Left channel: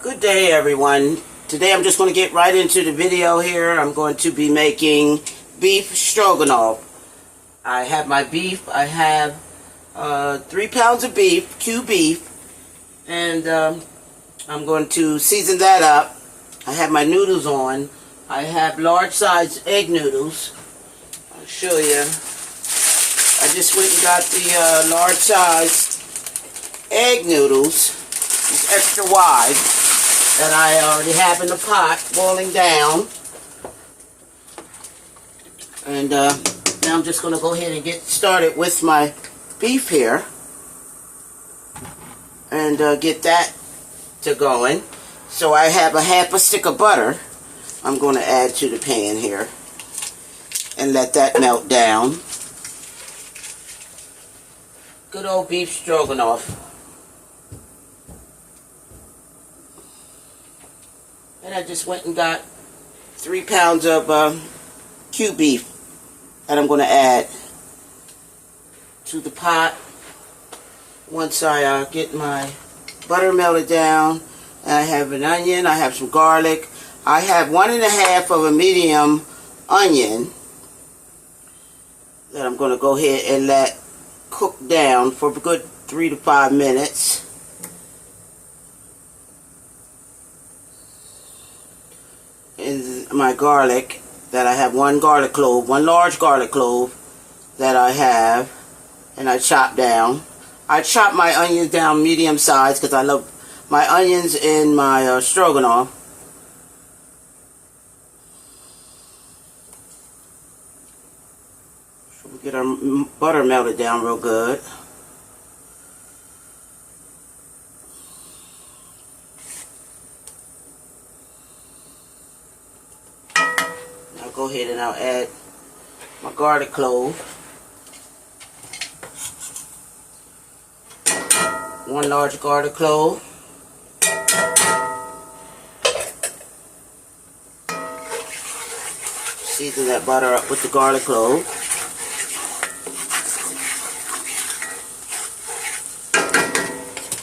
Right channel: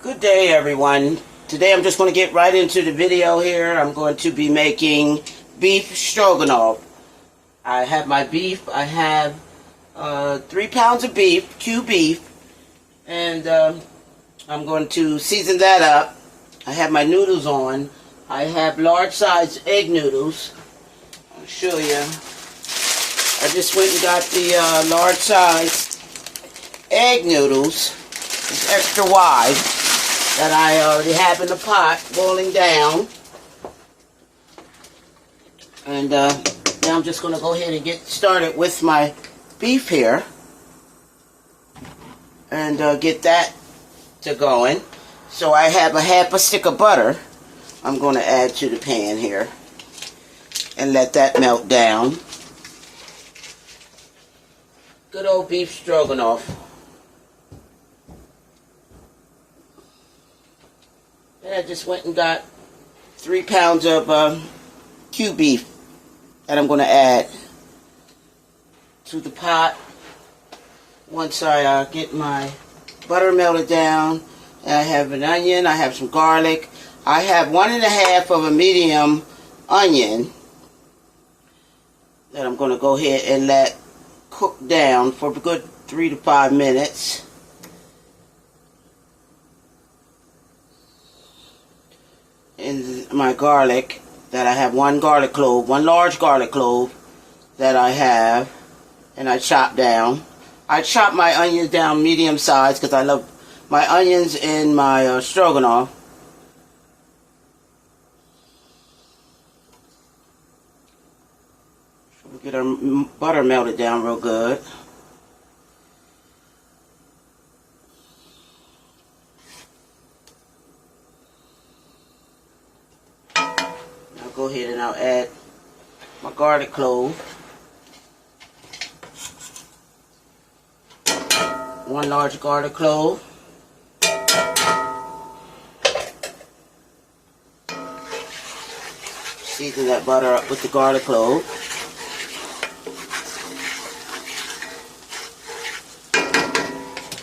Good day, everyone. Today I'm just going to get right into the video here. I'm going to be making beef stroganoff. I have my beef. I have 3 pounds of beef, cubed beef, and I'm going to season that up. I have my noodles on. I have large size egg noodles. I'll show you. I just went and got the large size egg noodles. It's extra wide. That I already have in the pot boiling down. And now I'm just going to go ahead and get started with my beef here. And get that to going. So I have a half a stick of butter I'm going to add to the pan here. And let that melt down. Good old beef stroganoff. And I just went and got 3 pounds of cubed beef that I'm going to add to the pot once I get my butter melted down. I have an onion, I have some garlic. I have 1.5 of a medium onion that I'm going to go ahead and let cook down for a good 3 to 5 minutes. And my garlic that I have, 1 garlic clove, 1 large garlic clove that I have, and I chop down. I chop my onions down medium size because I love my onions in my stroganoff. So we get our butter melted down real good. Go ahead and I'll add my garlic clove, 1 large garlic clove, season that butter up with the garlic clove,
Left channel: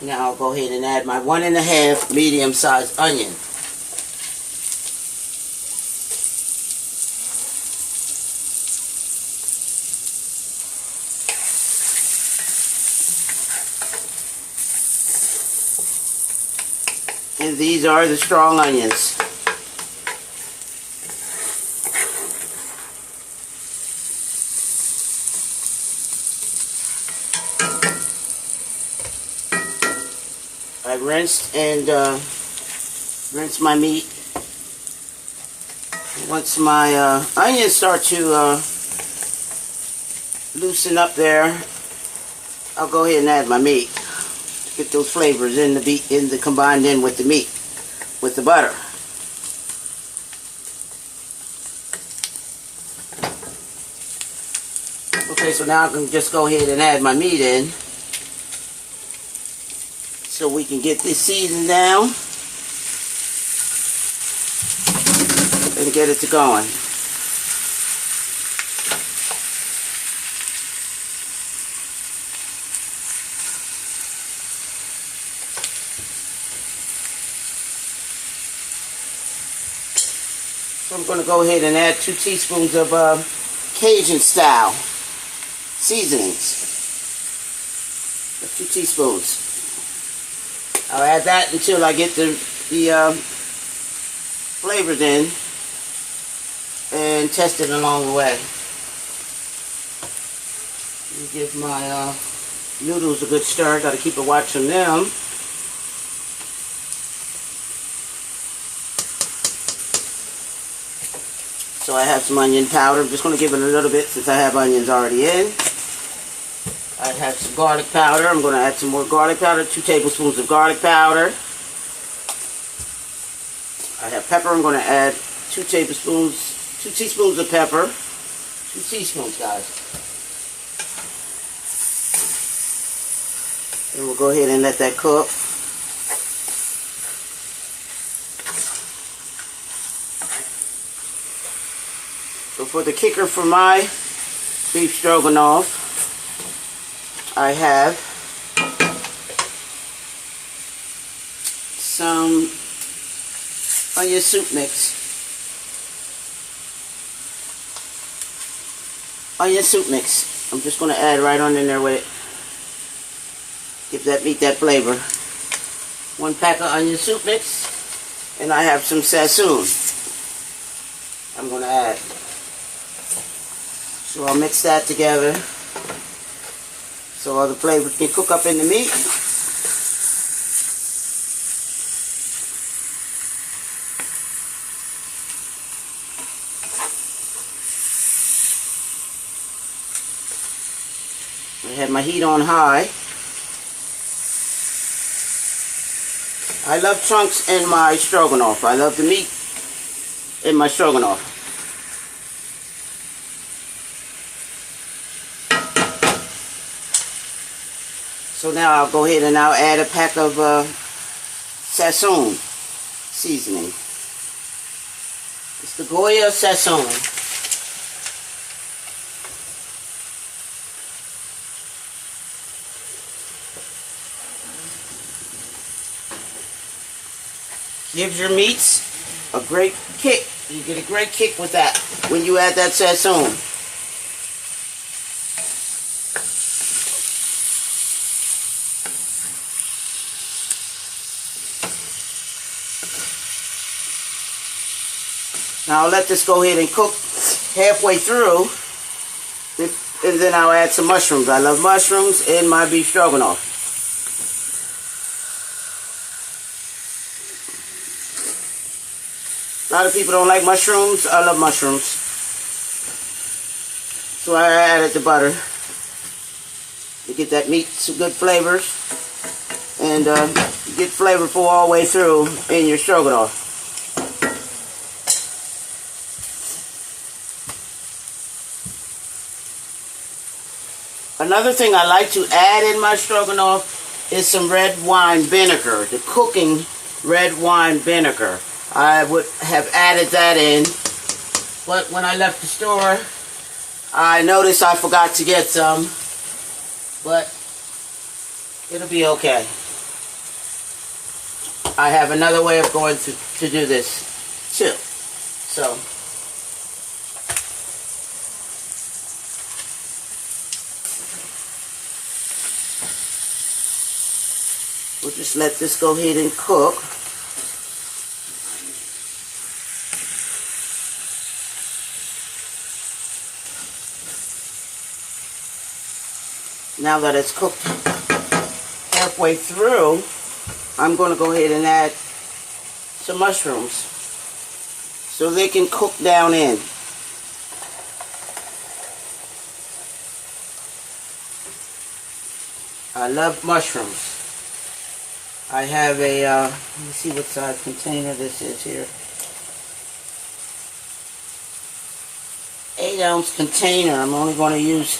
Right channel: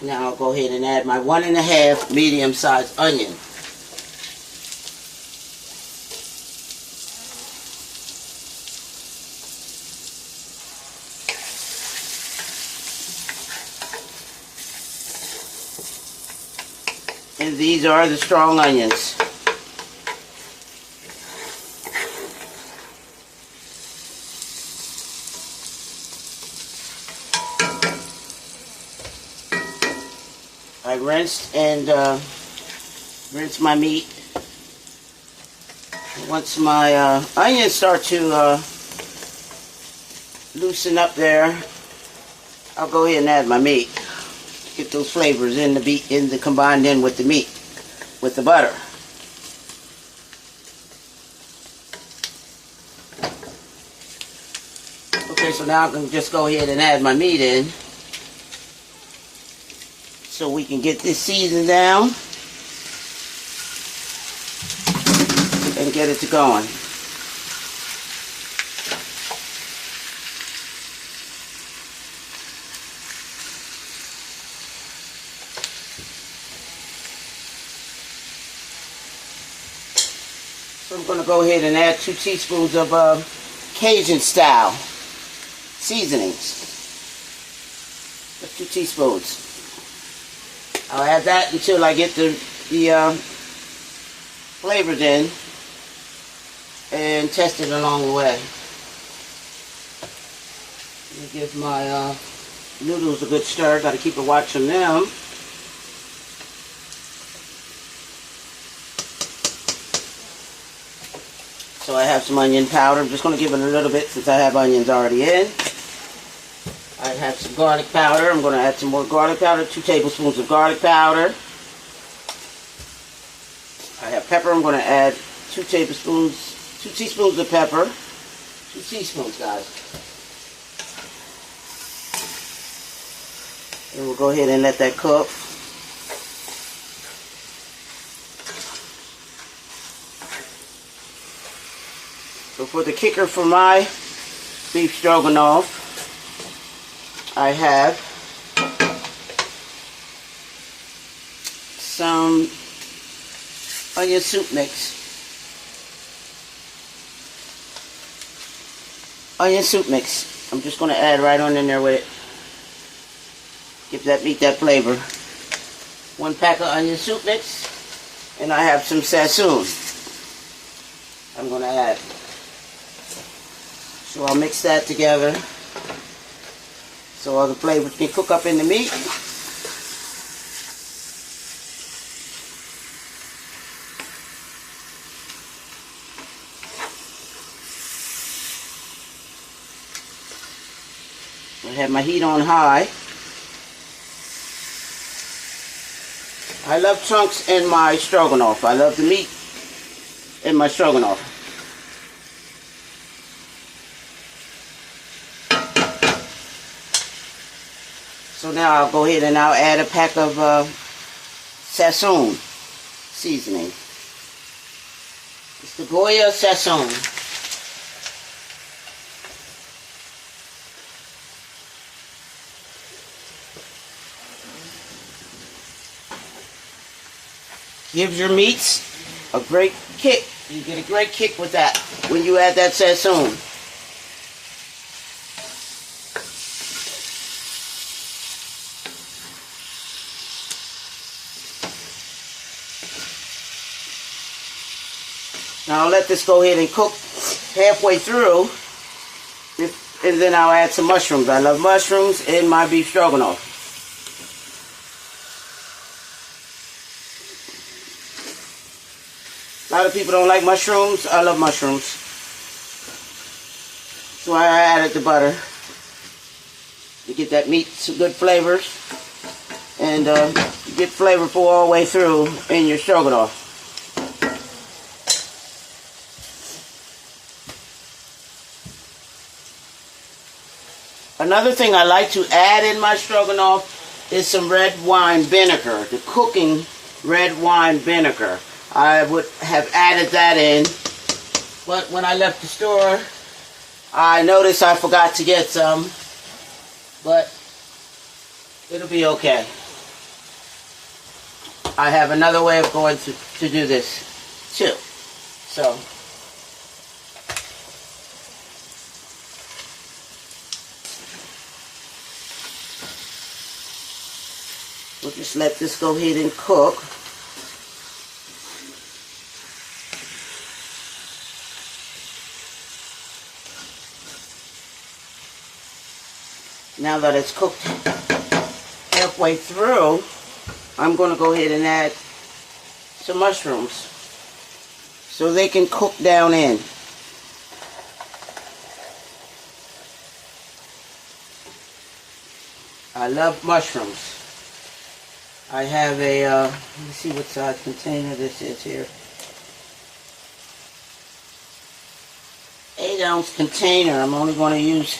now I'll go ahead and add my 1.5 medium-sized onion. And these are the strong onions. I rinsed and rinsed my meat. Once my onions start to loosen up there, I'll go ahead and add my meat. Get those flavors in the beef, combined in with the meat, with the butter. Okay, so now I can just go ahead and add my meat in, so we can get this seasoned down and get it to going. So I'm going to go ahead and add 2 teaspoons of Cajun style seasonings. That's 2 teaspoons. I'll add that until I get the flavors in and test it along the way. Let me give my noodles a good stir. Got to keep a watch on them. So I have some onion powder. I'm just going to give it a little bit since I have onions already in. I have some garlic powder. I'm going to add some more garlic powder. 2 tablespoons of garlic powder. I have pepper. I'm going to add 2 teaspoons of pepper. 2 teaspoons, guys. And we'll go ahead and let that cook. So for the kicker for my beef stroganoff, I have some onion soup mix. Onion soup mix. I'm just going to add right on in there with it. Give that meat that flavor. 1 pack of onion soup mix. And I have some sassoon I'm going to add. So I'll mix that together so all the flavors can cook up in the meat. I have my heat on high. I love chunks in my stroganoff. I love the meat in my stroganoff. So now I'll go ahead and I'll add a pack of sassoon seasoning. It's the Goya sassoon. Gives your meats a great kick. You get a great kick with that when you add that sassoon. Now I'll let this go ahead and cook halfway through, and then I'll add some mushrooms. I love mushrooms in my beef stroganoff. A lot of people don't like mushrooms. I love mushrooms. So I added the butter to get that meat some good flavors and get flavorful all the way through in your stroganoff. Another thing I like to add in my stroganoff is some red wine vinegar, the cooking red wine vinegar. I would have added that in, but when I left the store, I noticed I forgot to get some, but it'll be okay. I have another way of going to do this too. So, we'll just let this go ahead and cook. Now that it's cooked halfway through, I'm going to go ahead and add some mushrooms so they can cook down in. I love mushrooms. I have a, let me see what size container this is here. 8-ounce container. I'm only going to use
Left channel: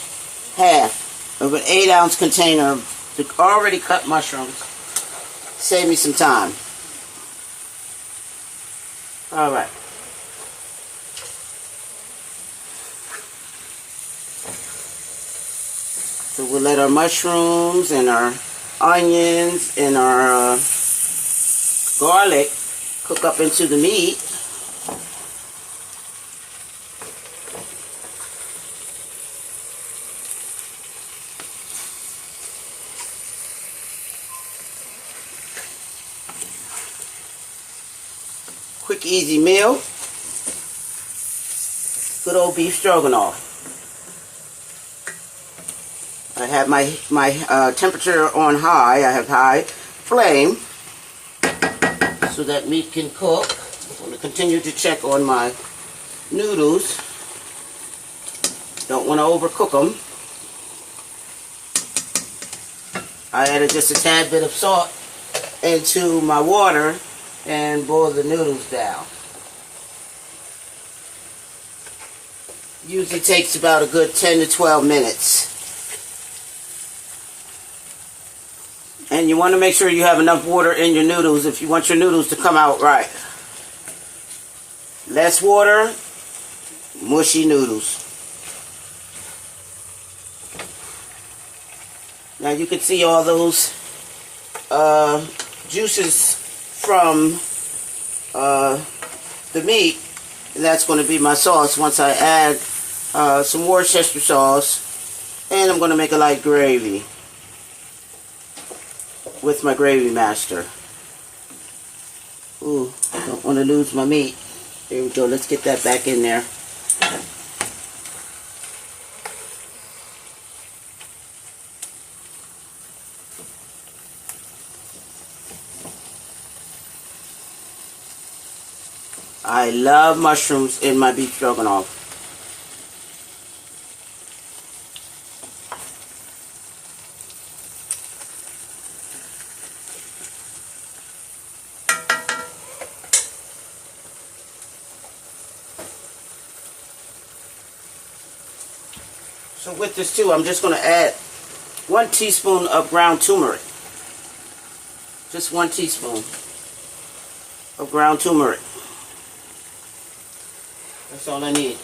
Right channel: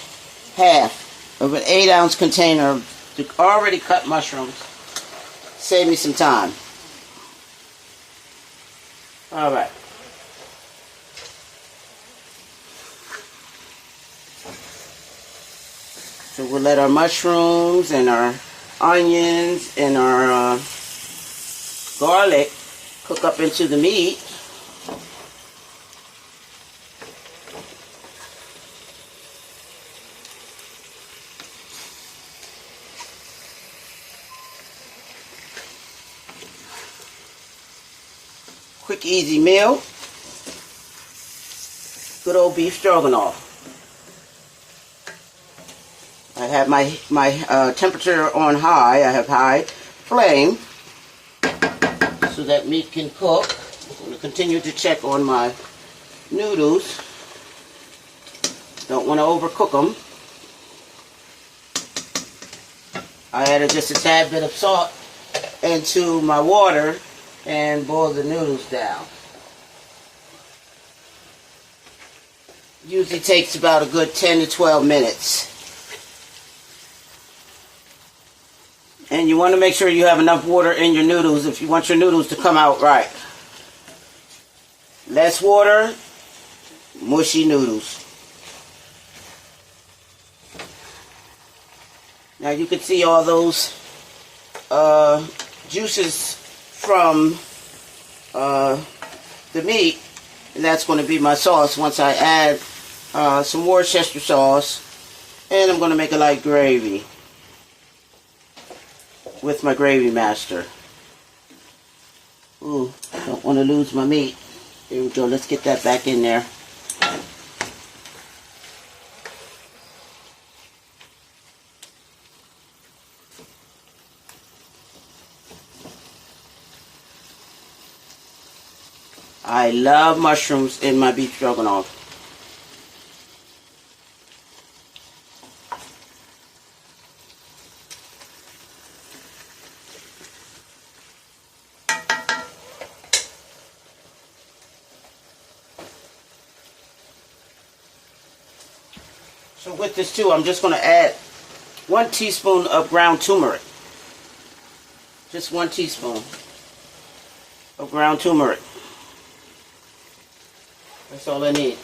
half of an 8-ounce container to already cut mushrooms. Save me some time. Alright. So we'll let our mushrooms and our onions and our garlic cook up into the meat. Quick, easy meal. Good old beef stroganoff. I have my temperature on high. I have high flame so that meat can cook. I'm going to continue to check on my noodles. Don't want to overcook them. I added just a tad bit of salt into my water and boil the noodles down. Usually takes about a good 10 to 12 minutes. And you want to make sure you have enough water in your noodles if you want your noodles to come out right. Less water, mushy noodles. Now you can see all those juices from the meat, and that's going to be my sauce once I add some Worcestershire sauce, and I'm going to make a light gravy with my gravy master. Ooh, I don't want to lose my meat. There we go. Let's get that back in there. I love mushrooms in my beef stroganoff. So with this too, I'm just going to add 1 teaspoon of ground turmeric. Just 1 teaspoon of ground turmeric. That's all I need.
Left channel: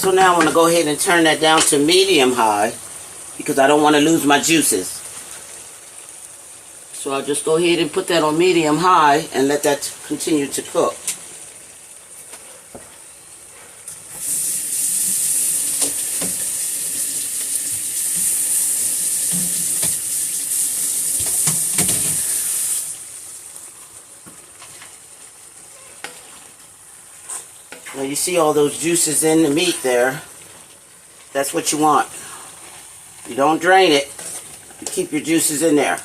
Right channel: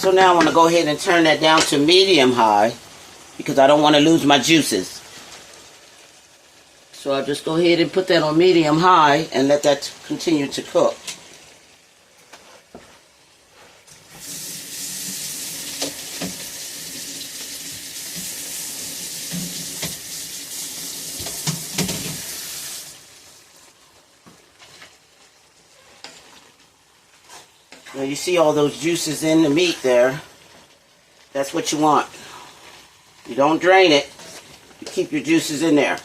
So now I'm going to go ahead and turn that down to medium-high because I don't want to lose my juices. So I'll just go ahead and put that on medium-high and let that continue to cook. Now you see all those juices in the meat there. That's what you want. You don't drain it. You keep your juices in there.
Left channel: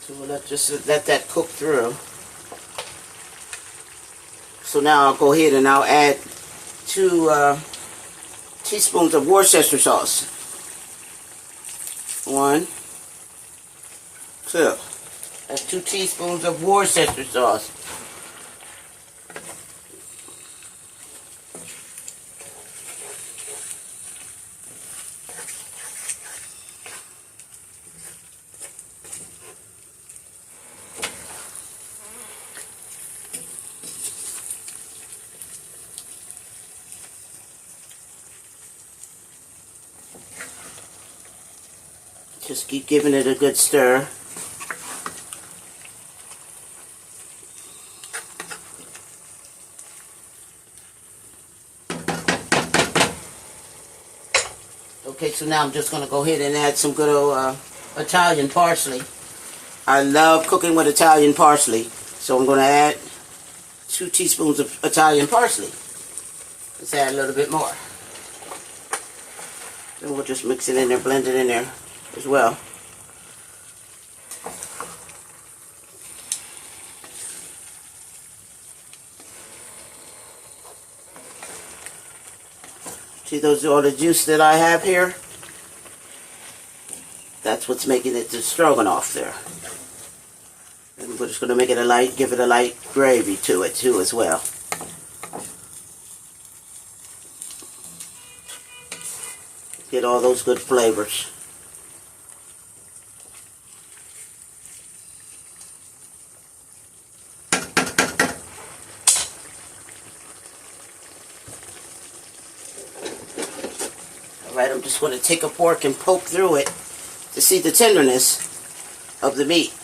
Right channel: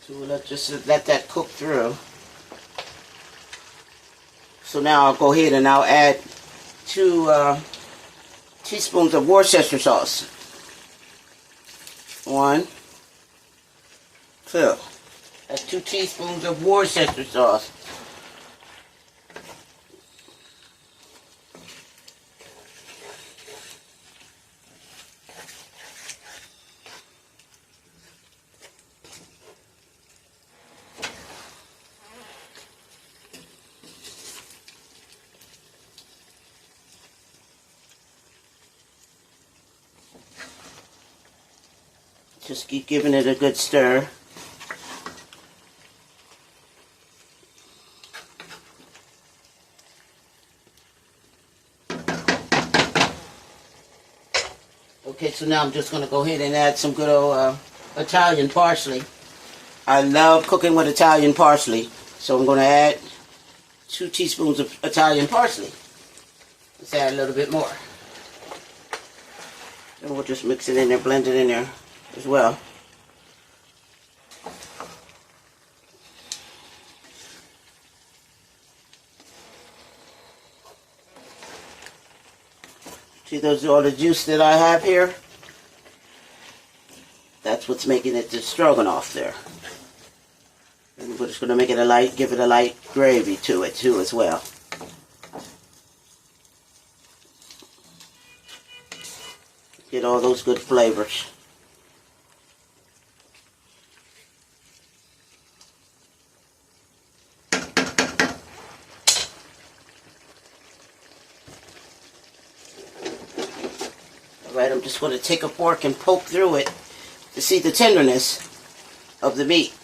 So we'll just let that cook through. So now I'll go ahead and I'll add 2 teaspoons of Worcestershire sauce. 1, 2. That's 2 teaspoons of Worcestershire sauce. Just keep giving it a good stir. Okay, so now I'm just going to go ahead and add some good old Italian parsley. I love cooking with Italian parsley, so I'm going to add 2 teaspoons of Italian parsley. Let's add a little bit more. And we'll just mix it in there, blend it in there as well. See those, all the juice that I have here? That's what's making it the stroganoff there. And we're just going to make it a light, give it a light gravy to it too as well. Get all those good flavors. Alright, I'm just going to take a fork and poke through it to see the tenderness of the meat.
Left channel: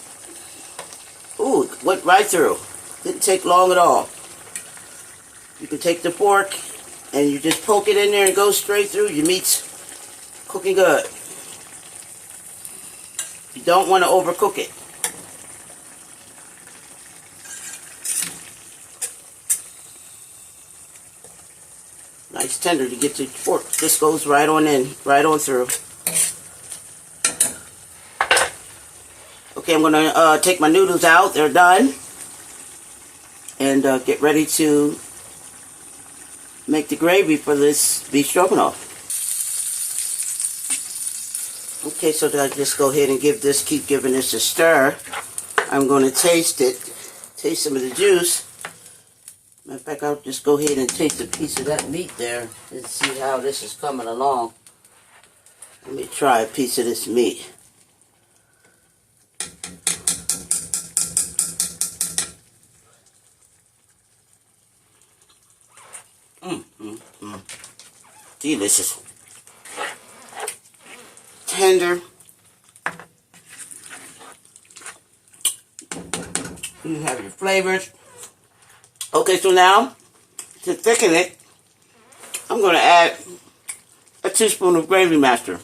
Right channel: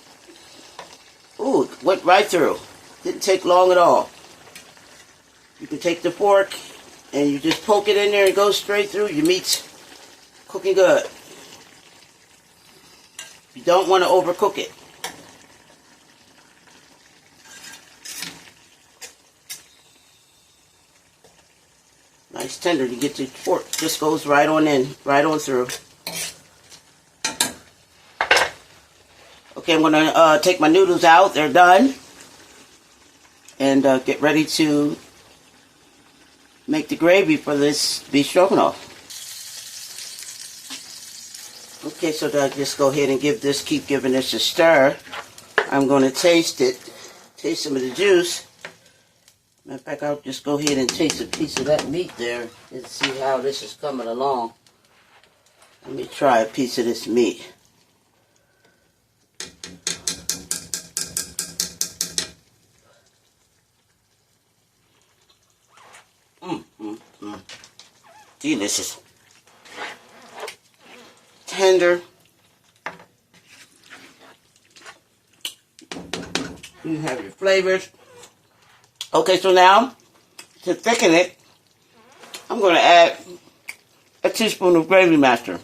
Ooh, it went right through. Didn't take long at all. You can take the fork and you just poke it in there and go straight through. Your meat's cooking good. You don't want to overcook it. Nice tender. You get the fork, just goes right on in, right on through. Okay, I'm going to take my noodles out. They're done. And get ready to make the gravy for this beef stroganoff. Okay, so I'll just go ahead and keep giving this a stir. I'm going to taste it, taste some of the juice. Matter of fact, I'll just go ahead and taste a piece of that meat there and see how this is coming along. Let me try a piece of this meat. Delicious. Tender. You have your flavors. Okay, so now, to thicken it, I'm going to add a teaspoon of Gravy Master.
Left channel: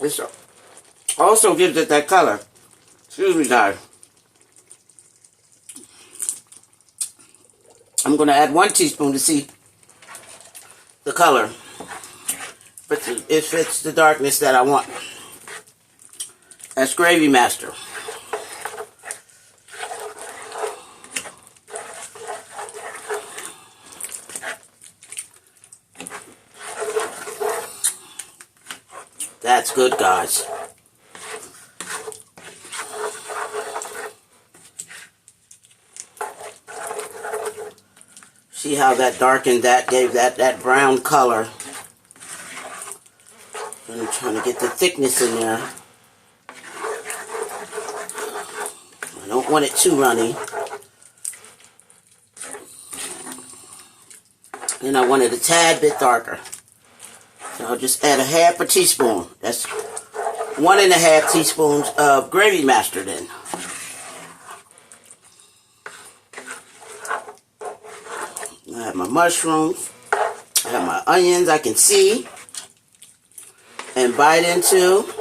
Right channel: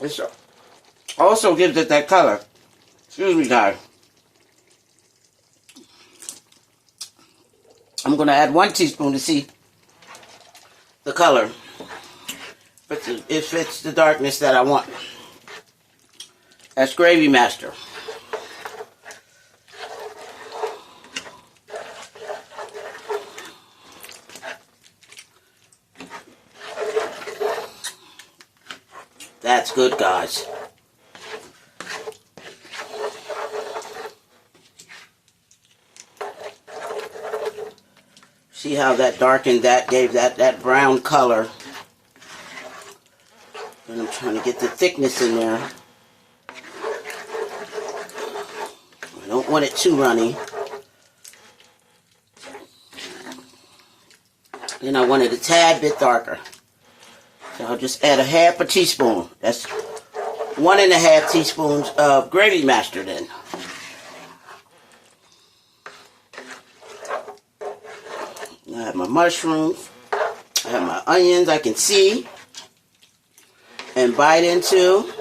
This also gives it that color. Excuse me, guys. I'm going to add 1 teaspoon to see the color. If it's the darkness that I want. That's Gravy Master. That's good, guys. See how that darkened that, gave that brown color. And I'm trying to get the thickness in there. I don't want it too runny. And I want it a tad bit darker. So I'll just add a half a teaspoon. That's 1.5 teaspoons of Gravy Master then. I have my mushrooms. I have my onions I can see and bite into.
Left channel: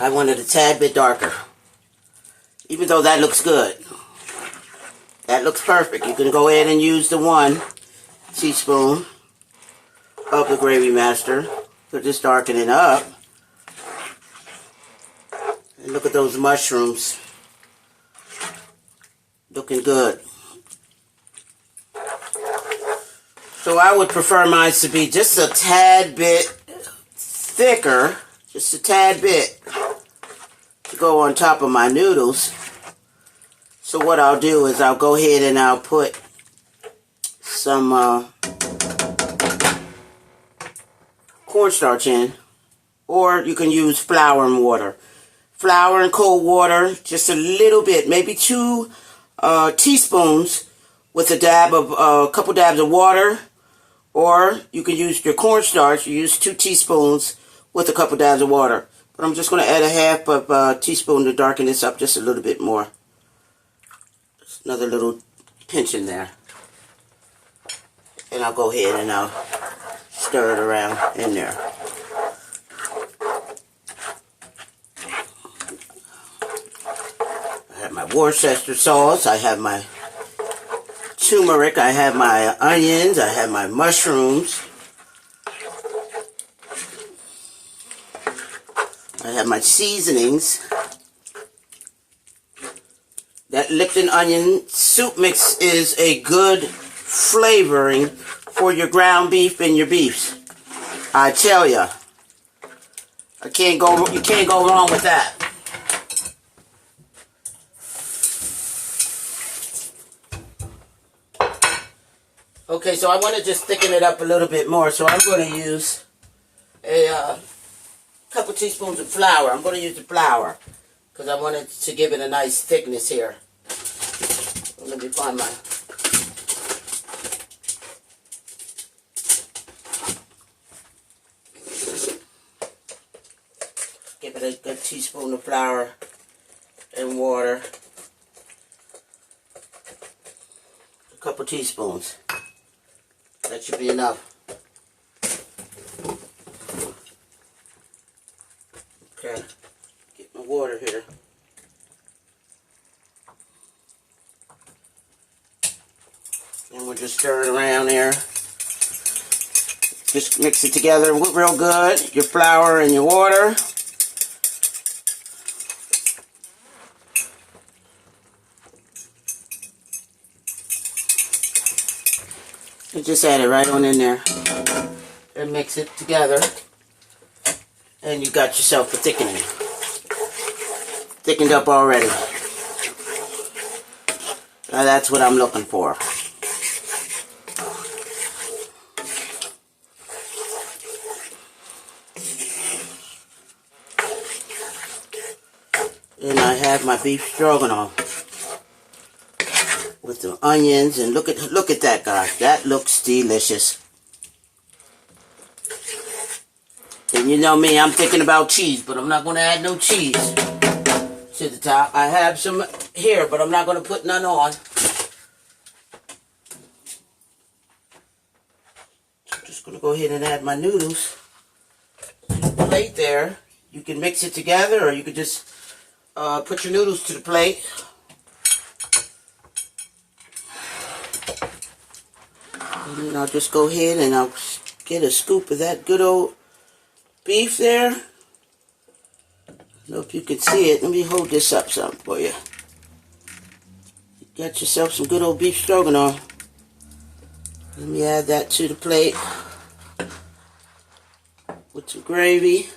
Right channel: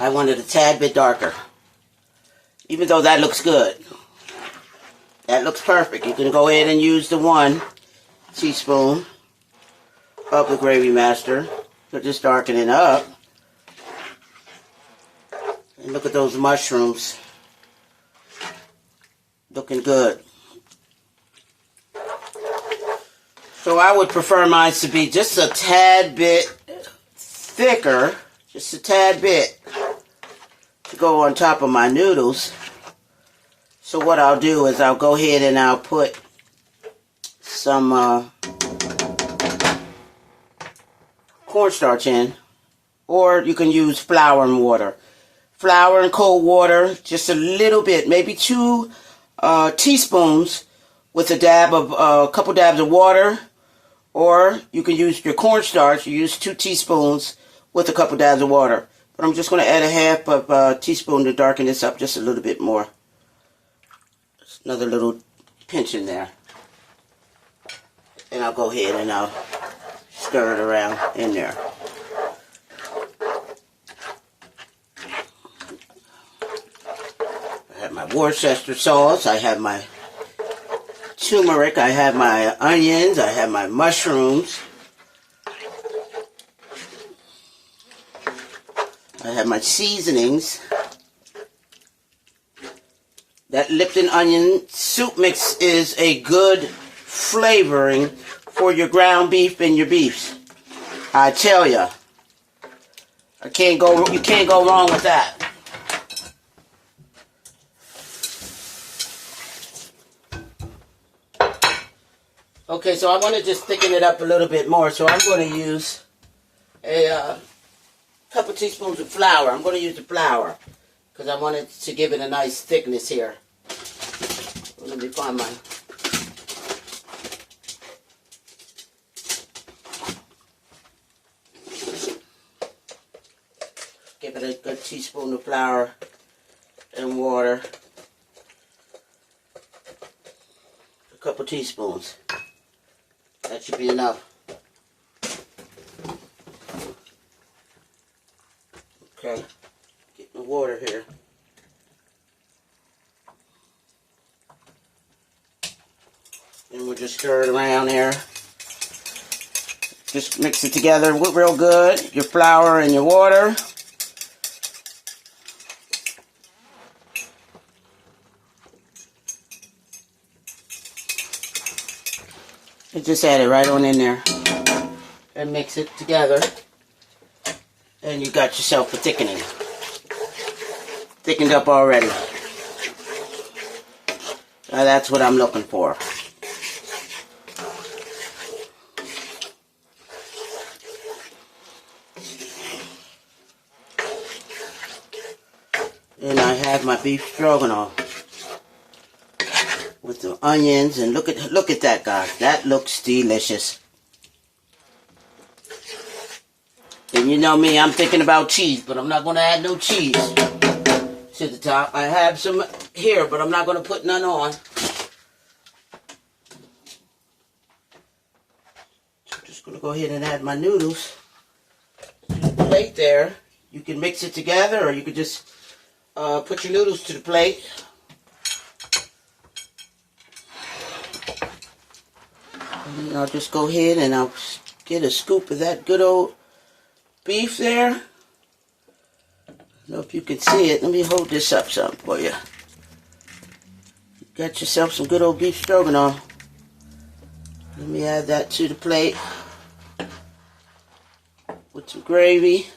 I want it a tad bit darker. Even though that looks good. That looks perfect. You can go ahead and use the 1 teaspoon of the Gravy Master to just darken it up. And look at those mushrooms. Looking good. So I would prefer mine to be just a tad bit thicker. Just a tad bit to go on top of my noodles. So what I'll do is I'll go ahead and I'll put some cornstarch in. Or you can use flour and water. Flour and cold water, just a little bit, maybe 2 teaspoons with a couple dabs of water. Or you can use your cornstarch, you use 2 teaspoons with a couple dabs of water. But I'm just going to add a half of a teaspoon to darken this up just a little bit more. Just another little pinch in there. And I'll go ahead and I'll stir it around in there. I have my Worcester sauce, I have my turmeric, I have my onions, I have my mushrooms, I have my seasonings. That Lipton onion soup mix is a good flavoring for your ground beef and your beefs. I tell ya, you can't go wrong with that. Okay, so I want to just thicken it up a little bit more, so I'm going to use a couple teaspoons of flour. I'm going to use the flour because I want it to give it a nice thickness here. Let me find my... Give it a good teaspoon of flour and water. A couple teaspoons. That should be enough. Okay, get my water here. And we'll just stir it around there. Just mix it together real good. Your flour and your water. You just add it right on in there and mix it together. And you got yourself a thickening. Thickened up already. Now that's what I'm looking for. And I have my beef stroganoff with the onions, and look at that, guys. That looks delicious. And you know me, I'm thinking about cheese, but I'm not going to add no cheese to the top. I have some here, but I'm not going to put none on. So I'm just going to go ahead and add my noodles to the plate there. You can mix it together, or you could just put your noodles to the plate. And then I'll just go ahead and I'll get a scoop of that good old beef there. I don't know if you can see it. Let me hold this up some for you. You got yourself some good old beef stroganoff. Let me add that to the plate with some gravy.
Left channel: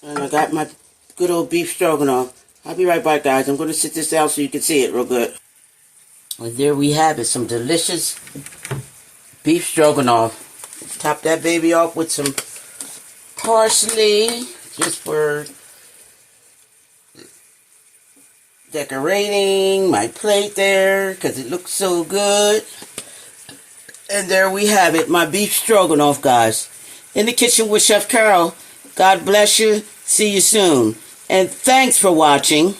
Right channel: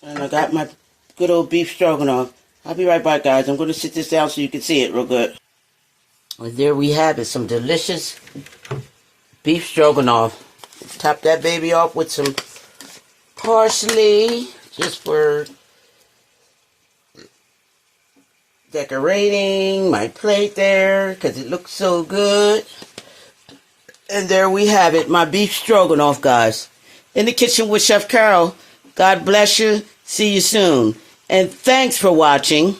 And I got my good old beef stroganoff. I'll be right back, guys. I'm going to sit this down so you can see it real good. And there we have it, some delicious beef stroganoff. Top that baby off with some parsley, just for decorating my plate there, because it looks so good. And there we have it, my beef stroganoff, guys. In the kitchen with Chef Carol. God bless you. See you soon. And thanks for watching.